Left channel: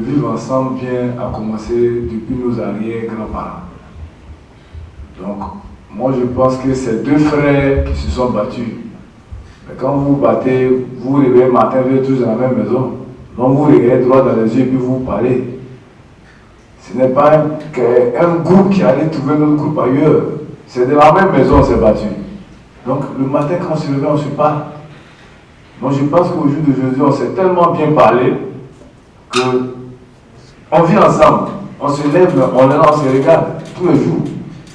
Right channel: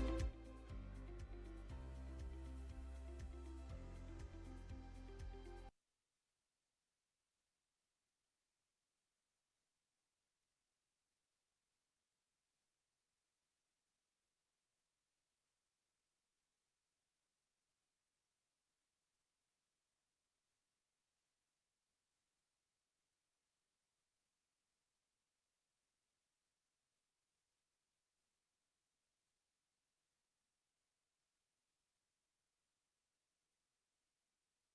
vivre ensemble vient à commencer depuis nos arrière-grands-parents. Donc, moi je pense que c'est deux frères qui se sont battus. Mais quand vous vous battez, vous vous réveillez le matin, vous êtes tous dans la même maison. Donc vous regardez droit dans les yeux et puis vous parlez. Ce n'est pas un groupe qui allait trouver notre groupe ailleurs. C'est de la même maison on s'est battu. Donc le matin quand on se réveille, on se parle. Donc je pense qu'au jour d'aujourd'hui, on s'est tellement bien parlé qu'on vit ensemble. On se lève, on se regarde tous les jours.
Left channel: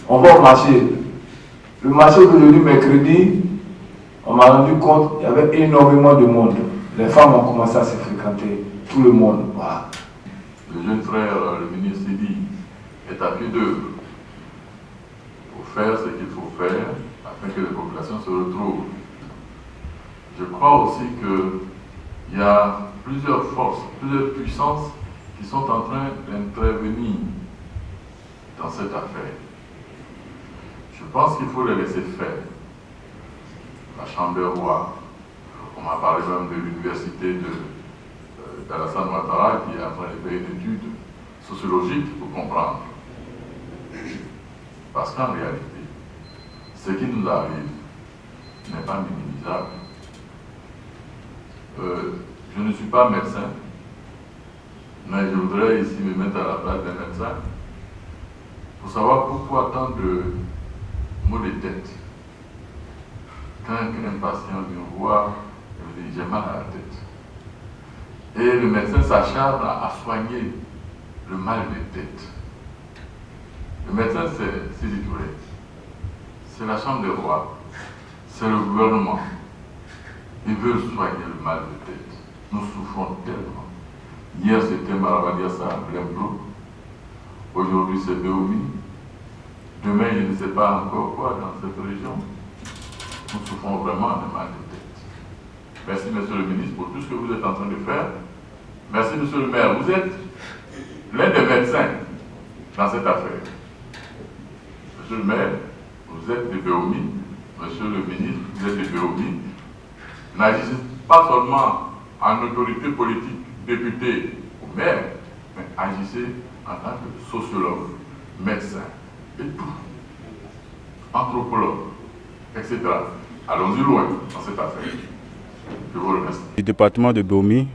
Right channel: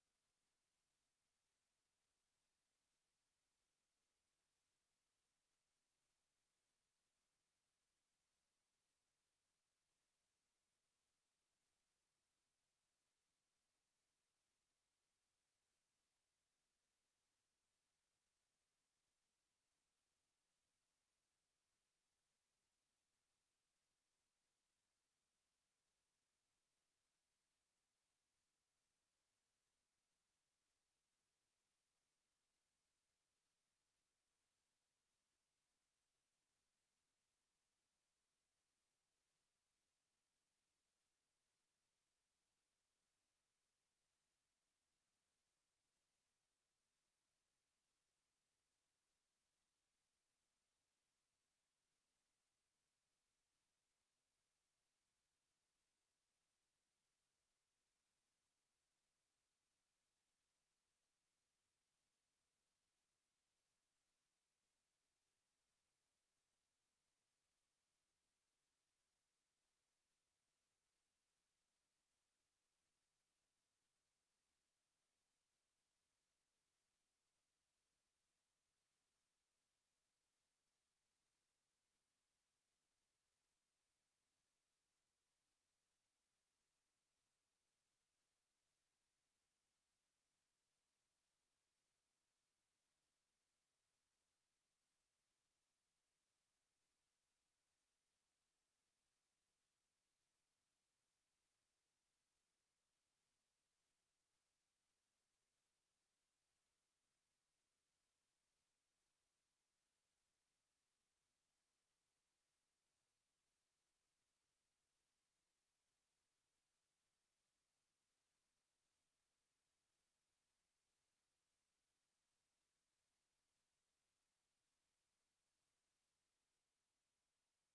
On va au marché. Le marché d'aujourd'hui, mercredi, on m'a rendu compte qu'il y avait énormément de monde. Les femmes ont commencé à se fréquenter. Tout le monde. Voilà. Le jeune frère, le ministre Sidi, est à pied d'œuvre pour faire ce qu'il faut faire afin que les populations se retrouvent. Je crois aussi qu'il y a plusieurs forces, plusieurs puissances qui sont en train d'intervenir dans cette affaire. Je pense qu'il faut les laisser faire. La Chambre des rois, on m'a parlé même de l'université d'Alassane Ouattara qui est en train de faire une étude sociologique pour comprendre. Parce qu'en réalité, ce qui nous arrive n'est pas minimisable. Je ne suis pas médecin, mais je voudrais ici me mettre à la place d'un médecin pour savoir pourquoi tant de maux de tête. Quand un patient vient voir, il me dit j'ai mal à la tête. Et le médecin s'acharne à soigner le mal de tête. Le médecin, c'est Sidi Touré. C'est la Chambre des rois. C'est le gouvernement. Ils veulent soigner le mal de tête. Nous souffrons tellement. Hier, c'était Maravadiassa en plein bloc. Aujourd'hui, c'est Béoumi. Demain, je ne sais pas encore quoi dans cette région. Nous souffrons vraiment de mal de tête. Merci, monsieur le ministre, pour tout ce que vous êtes en train de faire. Merci, monsieur le maire. Vous êtes l'un des médecins dans cette affaire. Monsieur le maire, vous êtes de Béoumi. Monsieur le ministre, vous êtes de Béoumi. N'agissez pas seulement en autorité politique, député ou maire, mais agissez en tant que sociologue, médecin et tout, anthropologue, etc. Allons-y loin dans cette affaire. Je vous remercie. Le département de Béoumi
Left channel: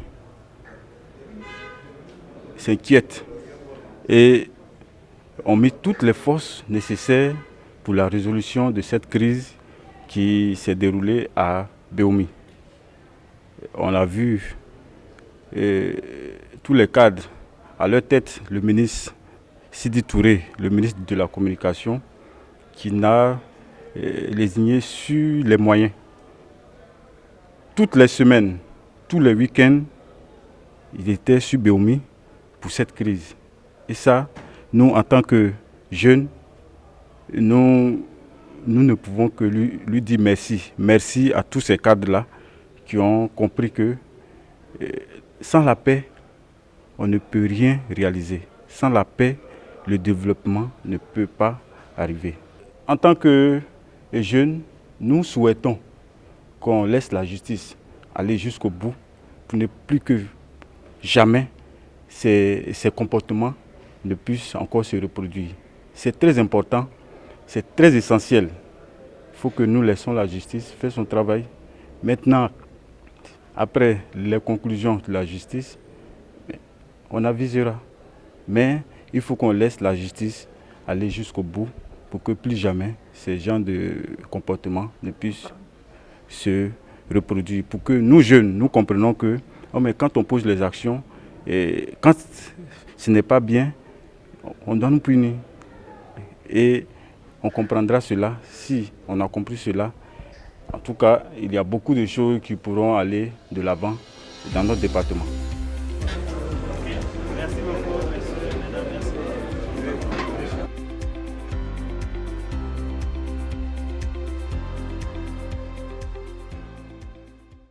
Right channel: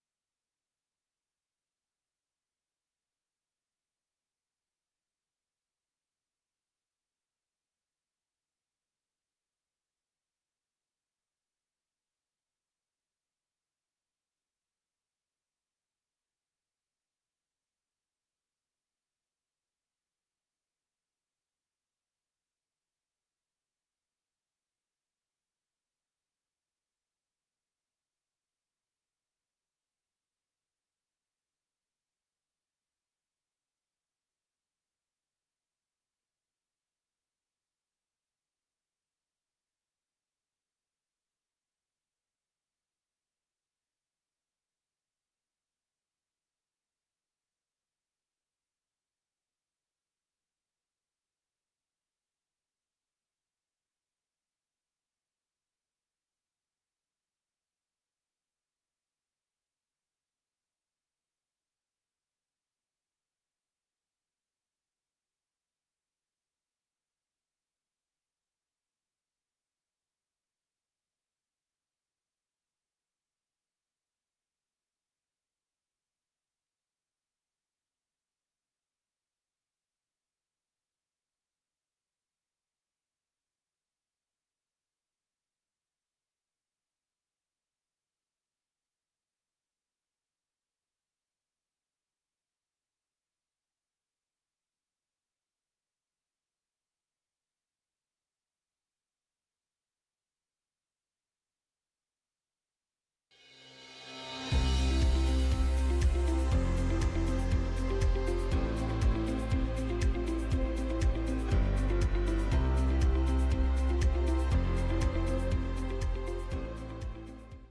s'inquiète et on met toutes les forces nécessaires pour la résolution de cette crise qui s'est déroulée à Béoumi. On a vu tous les cadres, à leur tête le ministre Sidi Touré, le ministre de la Communication, qui n'a lésigné sur les moyens. Toutes les semaines, tous les week-ends, il était sur Béoumi pour cette crise. Et ça, nous, en tant que jeunes, nous ne pouvons que lui dire merci. Merci à tous ces cadres-là qui ont compris que sans la paix, on ne peut rien réaliser. Sans la paix, le développement ne peut pas arriver. En tant que jeunes, nous souhaitons qu'on laisse la justice aller jusqu'au bout pour ne plus que jamais ces comportements ne puissent encore se reproduire. C'est très important, c'est très essentiel. Il faut que nous laissions la justice faire son travail. Maintenant, après les conclusions de la justice, on avisera. Mais il faut qu'on laisse la justice aller jusqu'au bout pour que plus jamais ces genres de comportements ne puissent se reproduire. Pour que nous, jeunes, nous comprenions que mais quand on pose les actions, et quand ce n'est pas bien, on doit nous punir. Et on comprendra cela si on a compris cela. En tout cas, il y a beaucoup de choses qui pourront aller de l'avant dans notre département.